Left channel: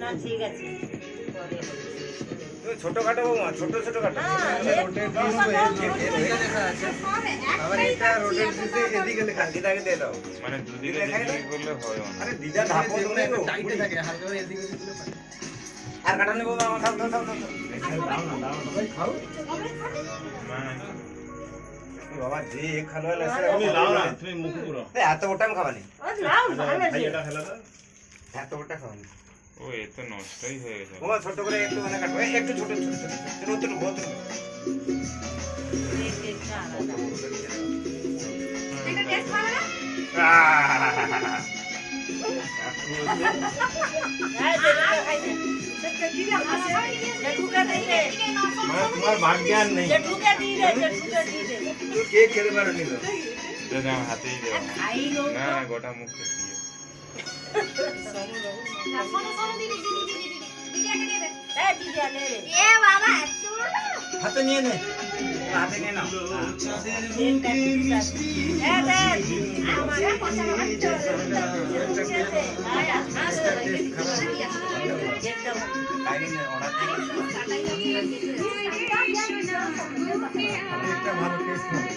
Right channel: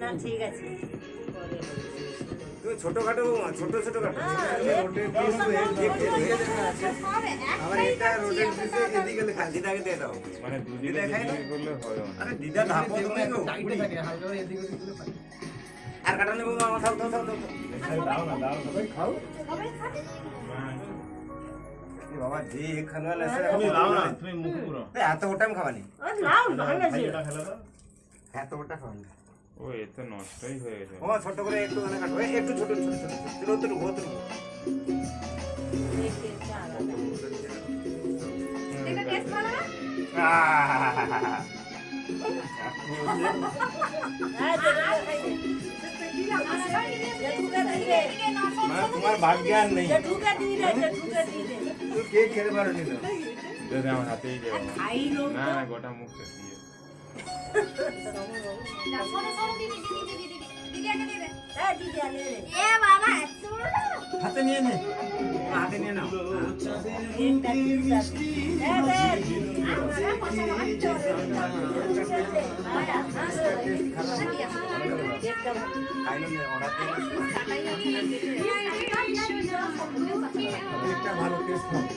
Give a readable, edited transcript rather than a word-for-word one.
না ঠিক আছে তুই ছোটখাটো ছোট ছোটখাটো রোডের পিস এদিকে দেখা যাচ্ছে আবার এটা রোডের পিসে এদিকে লেখা আছে। দিদাকে দিয়ে দাও মানে দুদিকে দিকে করলে হয় না। আরে দিদা ধাপো তুমি একটু টাইটে থাকে হালকা করে এদিকে ওদিকে করলে পারে। আর কাটা নেবো না খাও খাও খাও দাও না সবাই খাও। না এই বাবা যে খালওয়া লাগছে তুমি লাও না তুমি মুখ পুরো এত ওটা আমি খাবানি ও নাও ভালো ভাই আছে এটা ফেলে দাও এত ওটা খাবানি ও এত নষ্টই হয়ে গেছে। ও ছোট করে একটু মানে কাটবো একটু ছোট ছোট ছোট ছোট ছোট বহুত টেস্টটা আলাদা এটা টেস্ট ভালো না? হ্যাঁ যেটা খাই দে জেঠুকে দিয়ে দে মানে তোমার ভাগ্যান নেই জেঠুকে দিয়ে দে জেঠুকে দিয়ে দে তুই কেক খেতে পারো নি তো। যদি আমার হাতেই দেবো খাই লো না না গোটা মুখ দিয়ে না, শোনো, শোনো, দিদি, দিদি, দিদি, দিদি, দিদি একটা দিয়ে দে। এই দিদি আনে রে এ বাবা, এত বড় না? হাতে নিয়ে নে। হাতে নিয়ে নাও এটা এই দেখ আমারা পছন্দ হয় তো। একটা তাই নিয়ে অর্ডার দিয়ে কাটাই লাগিয়ে দিয়েছে। একটা ভালো টেস্ট হবে।